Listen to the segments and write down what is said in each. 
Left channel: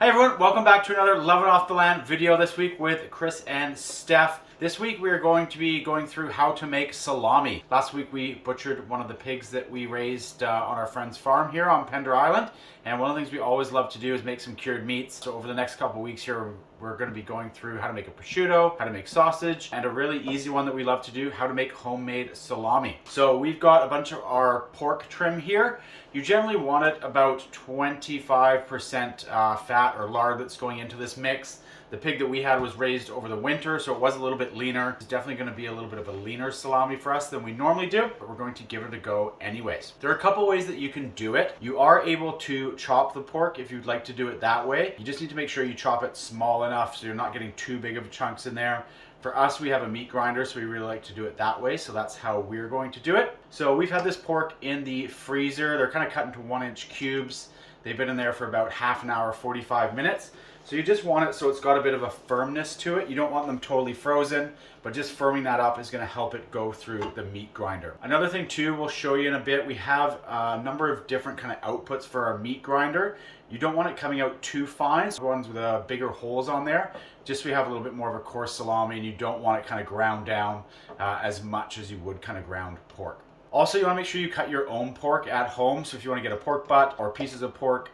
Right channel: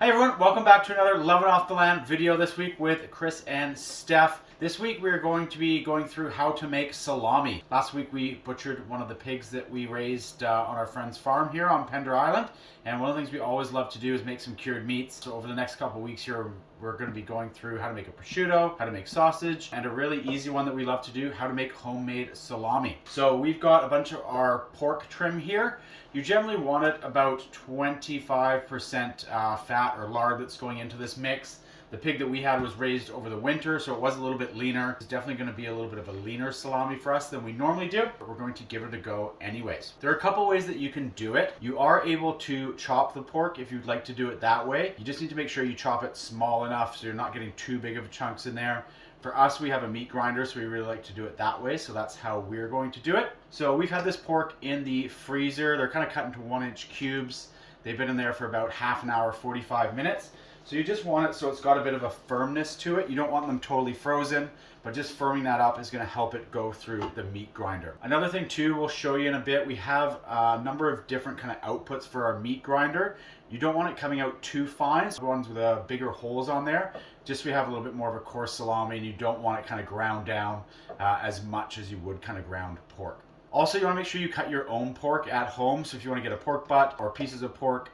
Hi everyone, welcome back to another Lovin' Off the Land video this week with Chris and Steph. This week we are going to be going through how to make salami. Last week we butchered one of the pigs that we raised on our friend's farm here on Pender Island. And one of the things we always love to do is make some cured meats. So over the next couple of weeks here, we're going to be going through how to make a prosciutto, how to make sausage, and a really easy one that we love to do, how to make homemade salami. So we've got a bunch of our pork trim here. You generally want it about 25% fat or lard that's going into this mix. The pig that we had was raised over the winter, so it was a little bit leaner. It's definitely going to be a little bit of a leaner salami for us than we normally do, but we're going to give it a go anyways. There are a couple ways that you can do it. You are able to chop the pork if you'd like to do it that way. You just need to make sure you chop it small enough so you're not getting too big of chunks in there. For us, we have a meat grinder, so we really like to do it that way, so that's how we're going to do it. So we've had this pork in the freezer. They're kind of cut into 1-inch cubes. They've been in there for about half an hour, 45 minutes. So you just want it so it's got a bit of a firmness to it. You don't want them totally frozen, but just firming that up is going to help it go through the meat grinder. Another thing too, we'll show you in a bit, we have a number of different kind of outputs for our meat grinder. You don't want it coming out too fine, so ones with bigger holes on there, just so we have a little bit more of a coarse salami, and you don't want it kind of ground down as much as you would kind of ground pork. Also, you want to make sure you cut your own pork at home. So if you want to get a pork butt or pieces of pork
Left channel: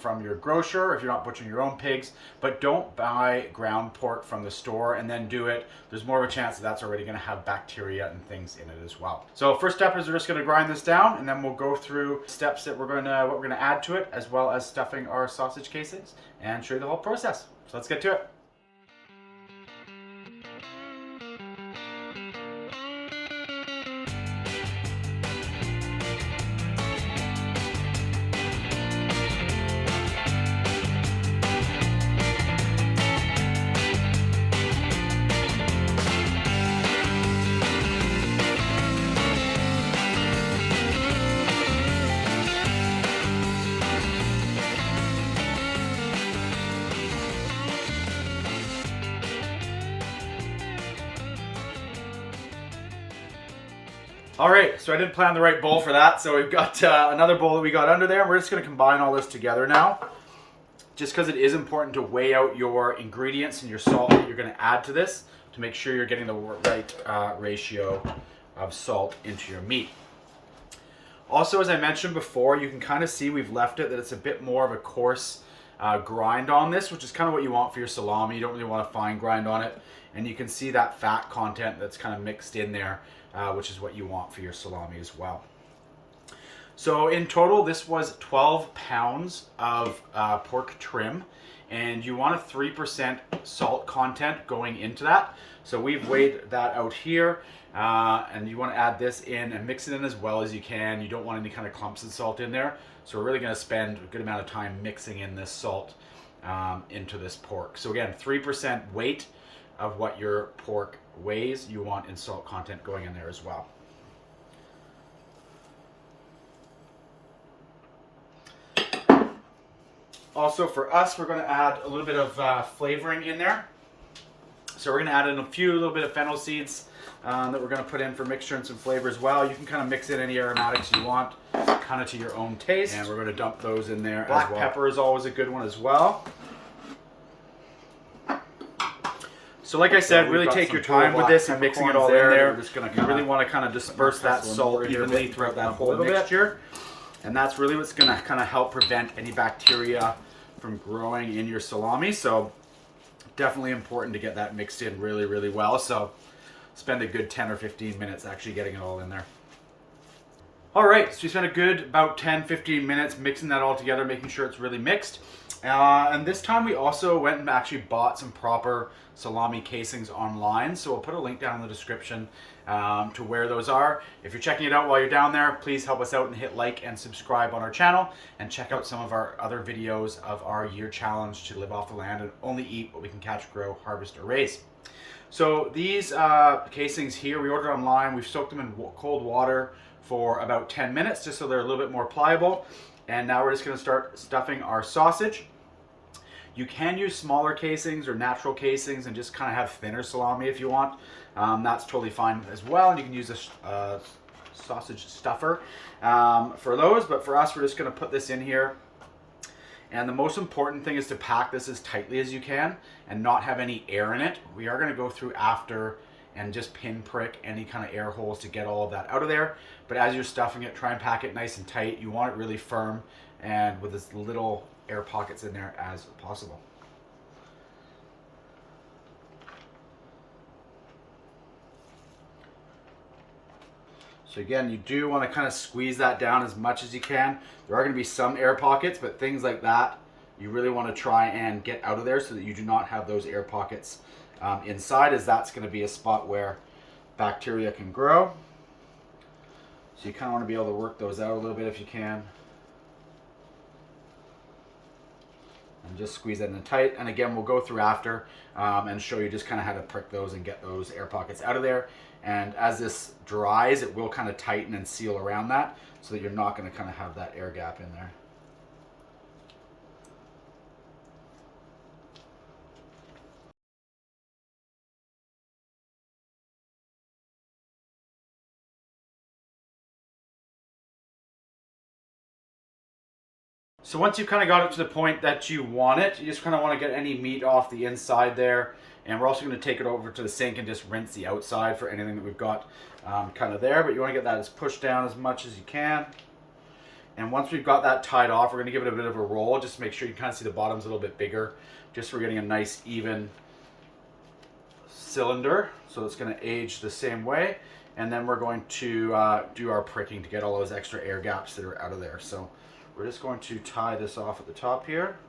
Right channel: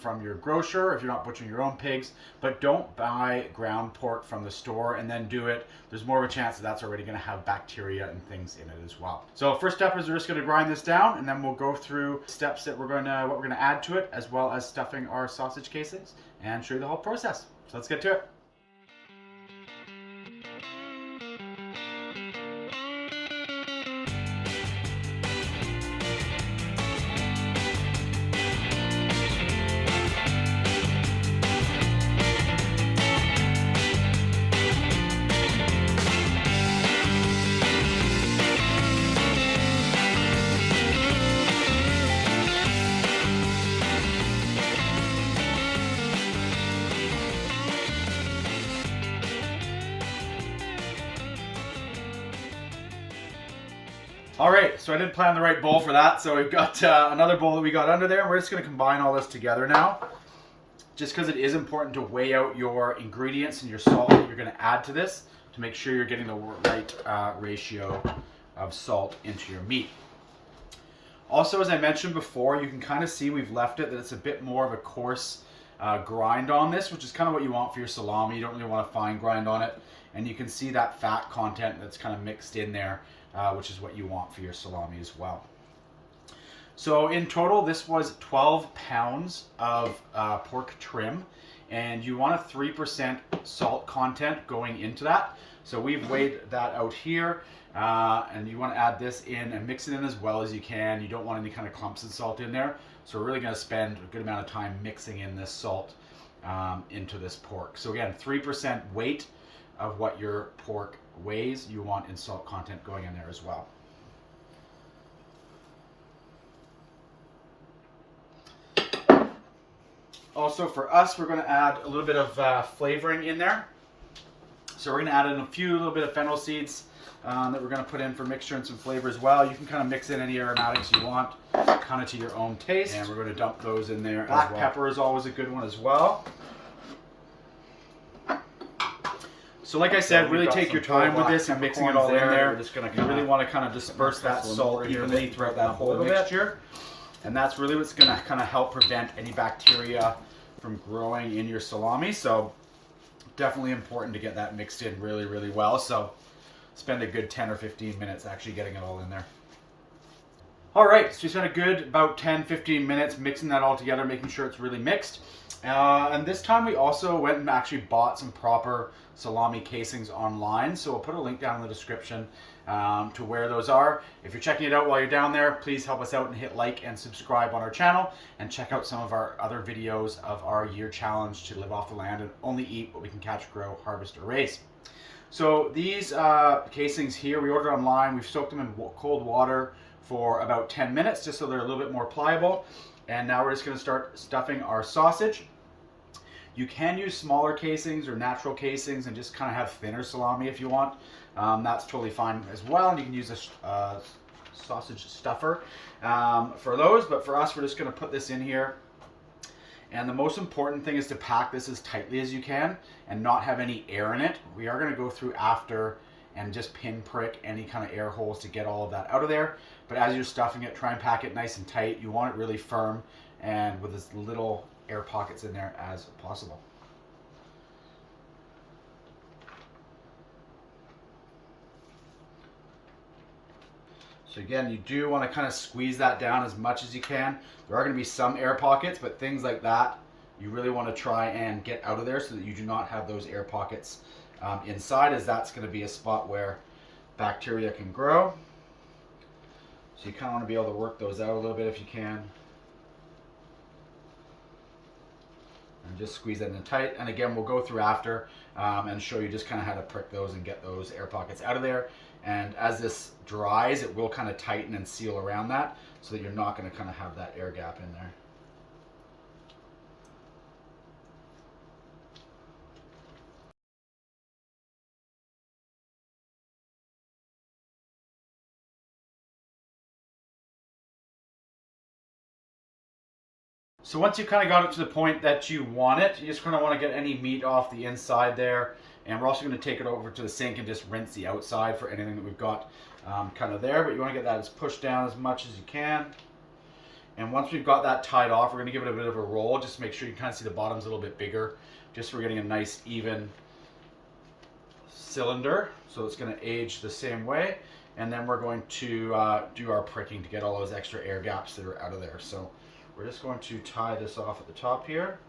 from your grocer, if you're not butchering your own pigs, but don't buy ground pork from the store and then do it. There's more of a chance that that's already going to have bacteria and things in it as well. So first step is we're just going to grind this down, and then we'll go through steps that what we're going to add to it, as well as stuffing our sausage casings, and show you the whole process. So let's get to it. All right, so I didn't plan the right bowl for that, so we've got another bowl that we got under there, and we're just going to combine all this together now, just because it is important to weigh out your ingredients and your salt that you're going to add to this to make sure you're getting the right ratio of salt into your meat. Also, as I mentioned before, you can kind of see we've left it that it's a bit more of a coarse grind on this, which is kind of what you want for your salami. You don't really want a fine grind on it, and you can see that fat content that's kind of mixed in there. Which is what you want for your salami as well. So in total, this was 12 pounds of pork trim, and you want a 3% salt content going into that. So we've weighed that out here, and you want to add this in and mix it in as well as you can. You don't want any kind of clumps of salt in there. So we're really going to spend a good amount of time mixing in this salt into this pork. So again, 3% weight of what your pork weighs, you want in salt content going in there as well. Also for us, we're going to add a little bit of flavoring in there. So we're going to add in a little bit of fennel seeds that we're going to put in for mixture and some flavor as well. You can kind of mix in any aromatics you want, kind of to your own taste. And we're going to dump those in there as well. Black pepper is always a good one as well. So like I said, really take your time with this and mixing it all in there. You really want to kind of disperse that salt evenly throughout that whole mixture. And that's really what's going to kind of help prevent any bacteria from growing in your salami. So definitely important to get that mixed in really, really well. So spend a good 10 or 15 minutes actually getting it all in there. All right, so we spent a good about 10-15 minutes mixing that all together, making sure it's really mixed. And this time we also went and actually bought some proper salami casings online. So we'll put a link down in the description to where those are. If you're checking it out while you're down there, please help us out and hit like and subscribe on our channel, and check out some of our other videos of our year challenge to live off the land and only eat what we can catch, grow, harvest, or raise. So these casings here we ordered online. We've soaked them in cold water for about 10 minutes just so they're a little bit more pliable. And now we're just going to start stuffing our sausage. You can use smaller casings or natural casings and just kind of have thinner salami if you want. That's totally fine as well. And you can use a sausage stuffer for those. But for us, we're just going to put this in here And the most important thing is to pack this as tightly as you can and not have any air in it. We are going to go through after and just pinprick any kind of air holes to get all of that out of there. But as you're stuffing it, try and pack it nice and tight. You want it really firm and with as little air pockets in there as possible. So again, you do want to kind of squeeze that down as much as you can. There are going to be some air pockets, but things like that, you really want to try and get out of there so that you do not have those air pockets inside, as that's going to be a spot where bacteria can grow. So you kind of want to be able to work those out a little bit if you can. And just squeeze that in tight. And again, we'll go through after and show you just kind of how to prick those and get those air pockets out of there. And as this dries, it will kind of tighten and seal around that so that you're not going to kind of have that air gap in there. So once you kind of got it to the point that you want it, you just kind of want to get any meat off the inside there. And we're also going to take it over to the sink and just rinse the outside for anything that we've got kind of there. But you want to get that as pushed down as much as you can. And once we've got that tied off, we're going to give it a bit of a roll. Just to make sure you kind of see the bottom's a little bit bigger. Just so we're getting a nice even cylinder. So it's going to age the same way. And then we're going to do our pricking to get all those extra air gaps that are out of there. So we're just going to tie this off at the top here.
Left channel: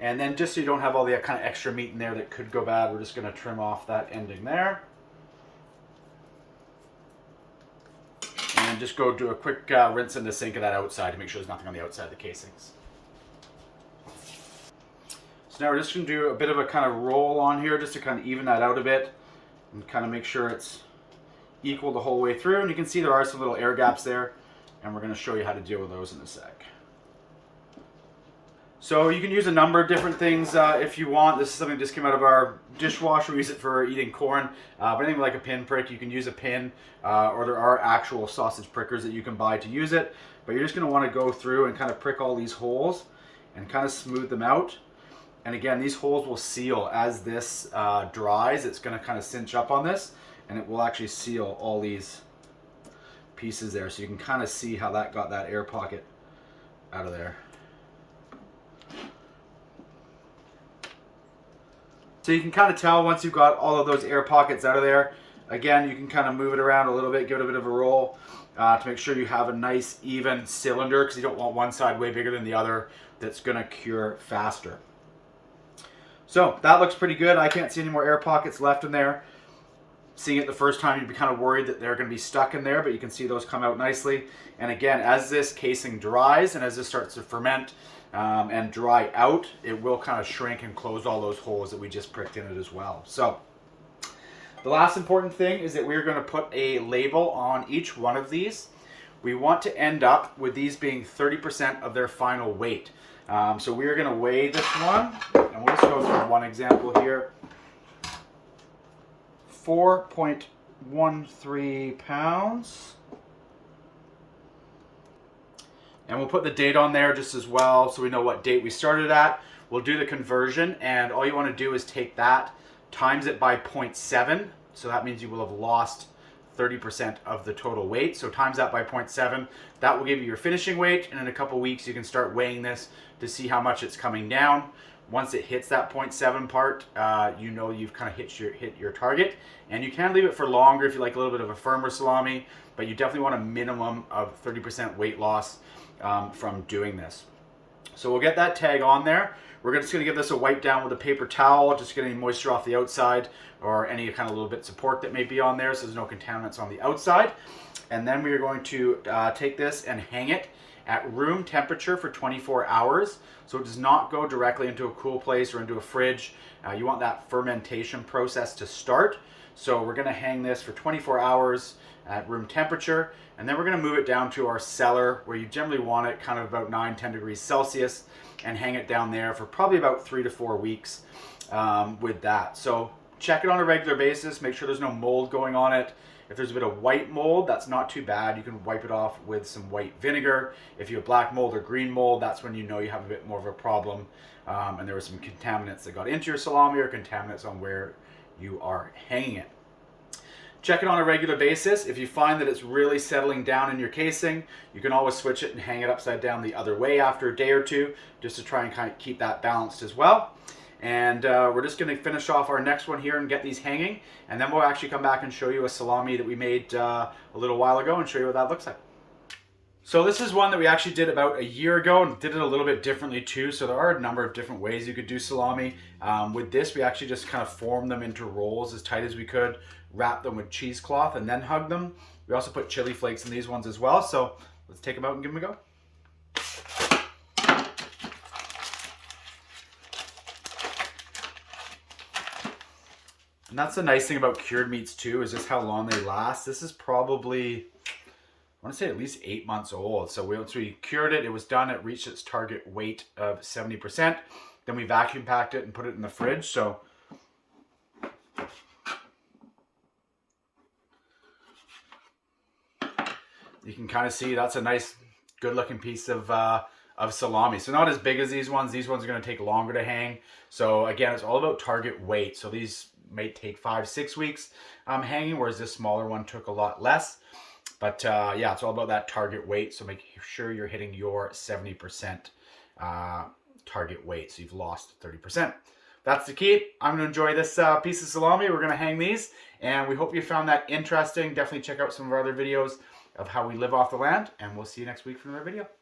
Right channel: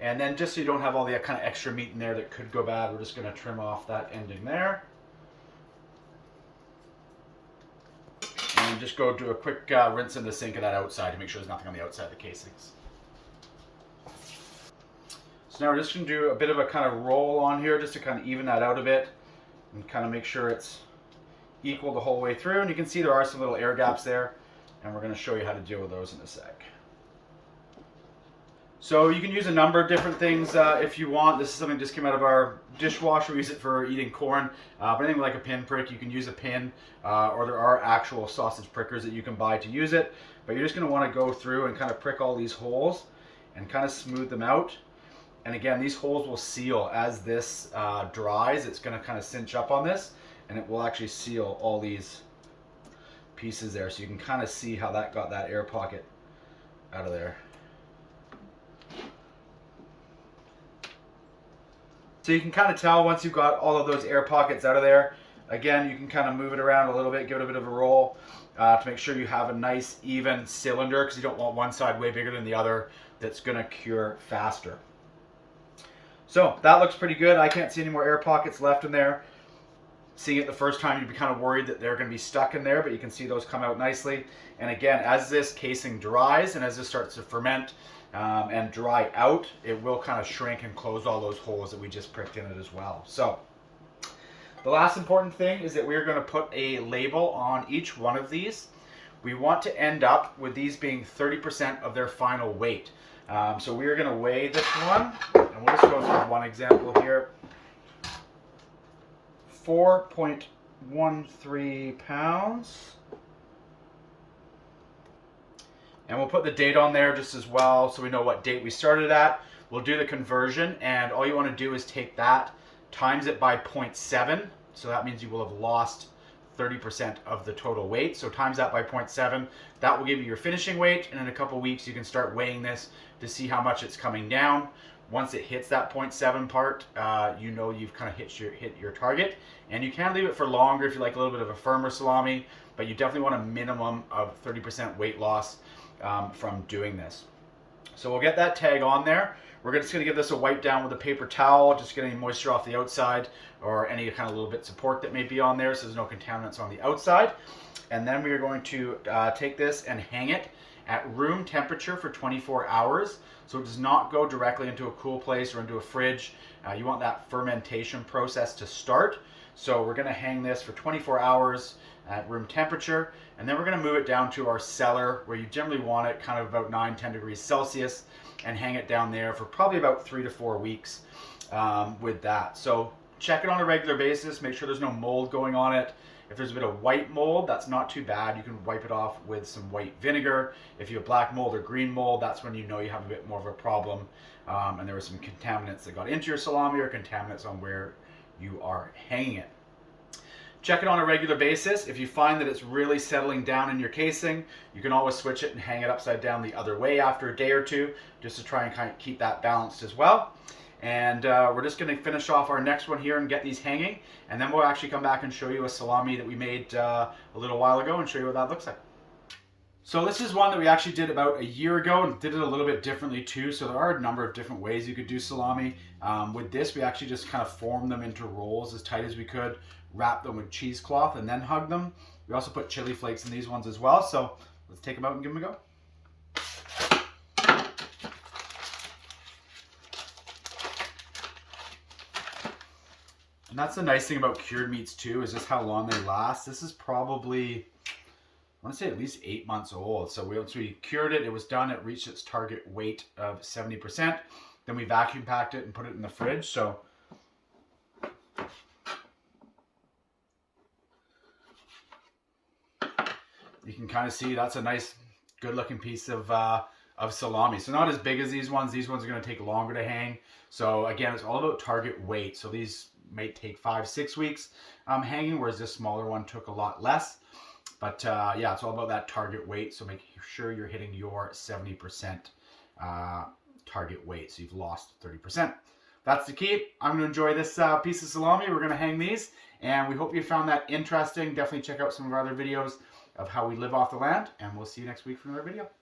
And then just so you don't have all the kind of extra meat in there that could go bad, we're just going to trim off that ending there. And then just go do a quick rinse in the sink of that outside to make sure there's nothing on the outside of the casings. So now we're just going to do a bit of a kind of roll on here just to kind of even that out a bit and kind of make sure it's equal the whole way through. And you can see there are some little air gaps there, and we're going to show you how to deal with those in a sec. So you can use a number of different things if you want. This is something that just came out of our dishwasher. We use it for eating corn. But anything like a pin prick, you can use a pin, or there are actual sausage prickers that you can buy to use it. But you're just going to want to go through and kind of prick all these holes and kind of smooth them out. And again, these holes will seal as this dries. It's going to kind of cinch up on this, and it will actually seal all these pieces there. So you can kind of see how that got that air pocket out of there. So you can kind of tell once you've got all of those air pockets out of there. Again, you can kind of move it around a little bit, give it a bit of a roll to make sure you have a nice even cylinder, because you don't want one side way bigger than the other. That's going to cure faster. So that looks pretty good. I can't see any more air pockets left in there. Seeing it the first time, you'd be kind of worried that they're going to be stuck in there, but you can see those come out nicely. And again, as this casing dries and as this starts to ferment and dry out, it will kind of shrink and close all those holes that we just pricked in it as well. So the last important thing is that we're going to put a label on each one of these. We want to end up with these being 30% of their final weight. So we are going to weigh this one, and we'll just go through one example here. 4.13 pounds. And we'll put the date on there just as well so we know what date we started at. We'll do the conversion, and all you want to do is take that, times it by 0.7. So that means you will have lost 30% of the total weight. So times that by 0.7. That will give you your finishing weight, and in a couple weeks you can start weighing this to see how much it's coming down. Once it hits that 0.7 part, you know you've kind of hit your target. And you can leave it for longer if you like a little bit of a firmer salami, but you definitely want a minimum of 30% weight loss from doing this. So we'll get that tag on there. We're just going to give this a wipe down with a paper towel, just get any moisture off the outside or any kind of little bits of pork that may be on there so there's no contaminants on the outside. And then we are going to take this and hang it at room temperature for 24 hours. So it does not go directly into a cool place or into a fridge. You want that fermentation process to start. So we're going to hang this for 24 hours at room temperature, and then we're going to move it down to our cellar where you generally want it kind of about 9-10 degrees Celsius, and hang it down there for probably about 3 to 4 weeks with that. So check it on a regular basis, make sure there's no mold going on it, If there's a bit of white mold, that's not too bad. You can wipe it off with some white vinegar. If you have black mold or green mold, that's when you know you have a bit more of a problem. And there were some contaminants that got into your salami or contaminants on where you are hanging it. Check it on a regular basis. If you find that it's really settling down in your casing, you can always switch it and hang it upside down the other way after a day or two, just to try and kind of keep that balanced as well. And we're just going to finish off our next one here and get these hanging, and then we'll actually come back and show you a salami that we made a little while ago and show you what that looks like. So this is one that we actually did about a year ago and did it a little bit differently too. So there are a number of different ways you could do salami. With this, we actually just kind of formed them into rolls as tight as we could, wrap them with cheesecloth and then hug them. We also put chili flakes in these ones as well. So let's take them out and give them a go. And that's the nice thing about cured meats too, is just how long they last. This is probably, I want to say at least 8 months old. So once we cured it, it was done. It reached its target weight of 70%. Then we vacuum packed it and put it in the fridge. So you can kind of see that's a nice, good looking piece of salami. So not as big as these ones. These ones are going to take longer to hang. So again, it's all about target weight. So these may take 5-6 weeks hanging, whereas this smaller one took a lot less. But yeah, it's all about that target weight. So make sure you're hitting your 70% target weight. So you've lost 30%. That's the key. I'm going to enjoy this piece of salami. We're going to hang these, and we hope you found that interesting. Definitely check out some of our other videos of how we live off the land, and we'll see you next week for another video.